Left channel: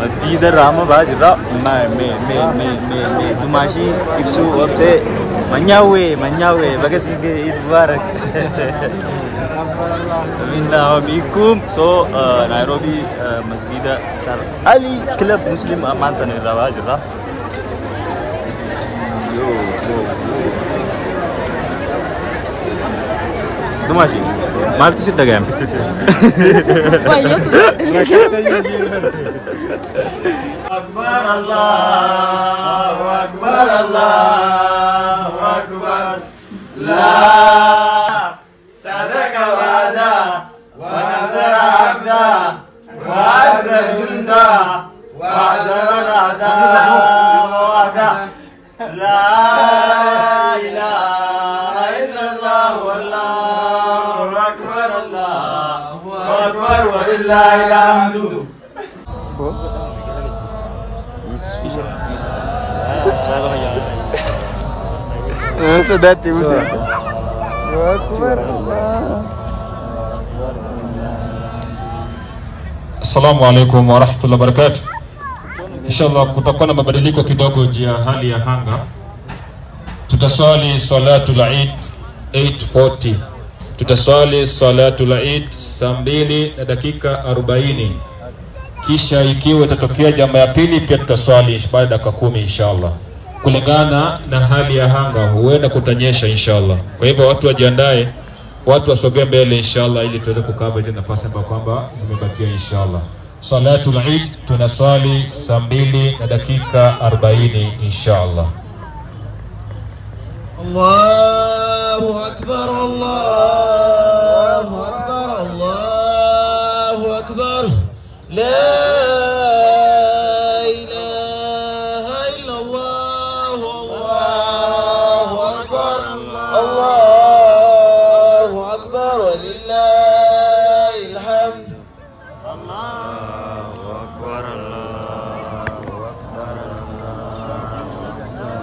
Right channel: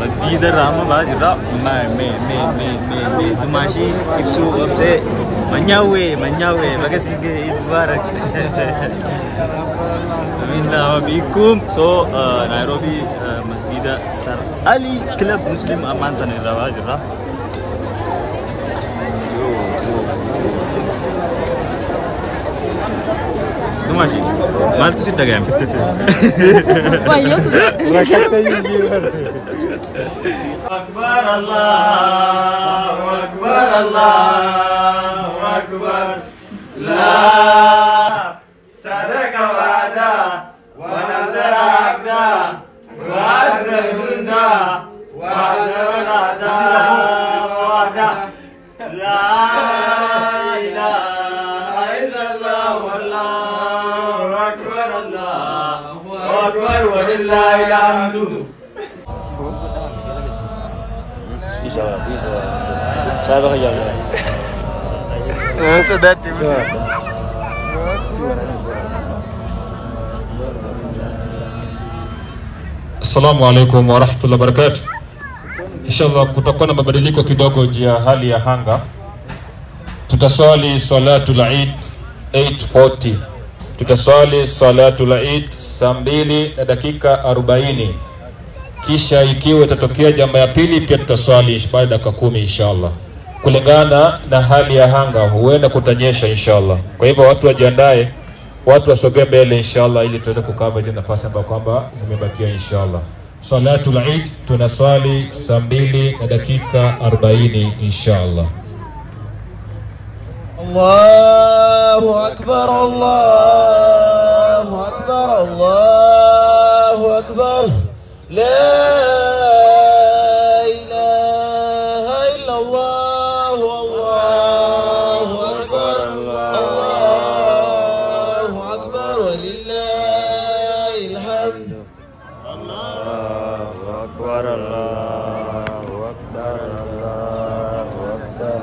مسجد الرحمة باجرا me dumashi ibsu wabse manyawe bagasi ke Eid Mubarak. Minna bikum. So Nairobi Masjid Sir Ali Club Muslim Amantan Rawajra. Yo dumashi maltu sit dagam. Wah, yo sudah. Akbar Allahu Akbar Allahu Akbar. La sadaka wa'ada wa nasara abda wa azza junda wa azara ada wa'ada. La ilaha illallah wallahu akbar Allahu akbar wa lillahi alhamdu. Saya bakal sudah tuh. Assalamu alaikum wa rahmatullahi wa barakatuh. Inshallah kutakuwa na mabadiliko kidogo juu ya hali ya anga. Tutaswali salatul Eid 8:40. Tutaswali salatul Eid saa 2 na dakika 40. Kisha ikiwa itatokea jambo la pili pia tutaswali baada ya dakika 10 inshallah. Kulingana na hali ya anga huenda kutanyesha inshallah. Kwa hivyo watu wajiandae, watu wasogee mbele inshallah ili tuweze kukaba hizo nafasi ambazo kwamba zimebakia inshallah. Salatul Eid tunaswali saa 2 na dakika 40 inshallah. Allahu Akbar, Allahu Akbar, Allahu Akbar. La ilaha illallah, Allahu Akbar, Allahu Akbar, walillahil hamd. Allahu Akbar, Allahu Akbar, Allahu Akbar.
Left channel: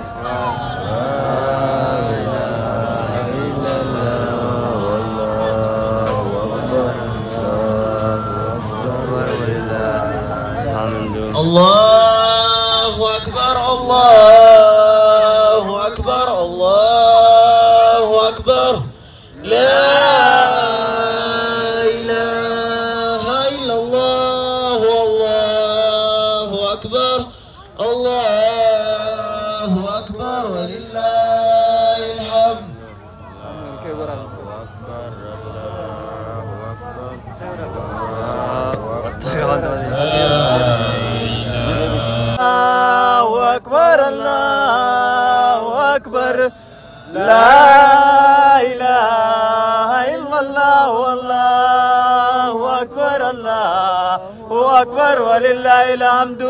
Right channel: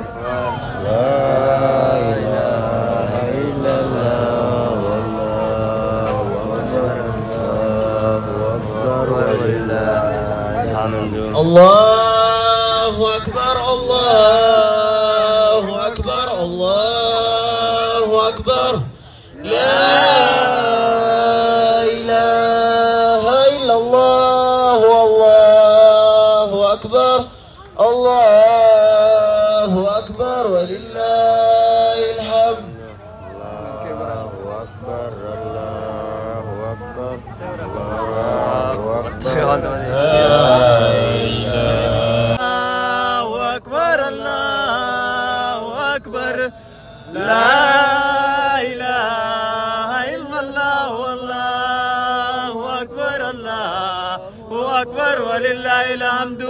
La ilaha illallah, wallahu akbar, Allahu akbar, walillahil hamdu. Allahu Akbar, Allahu Akbar, Allahu Akbar. La ilaha illallah, Allahu Akbar, Allahu Akbar, walillahil hamd. Allahu Akbar, Allahu Akbar. La ilaha illallah, wallahu akbar, Allahu akbar, walillahil hamdu.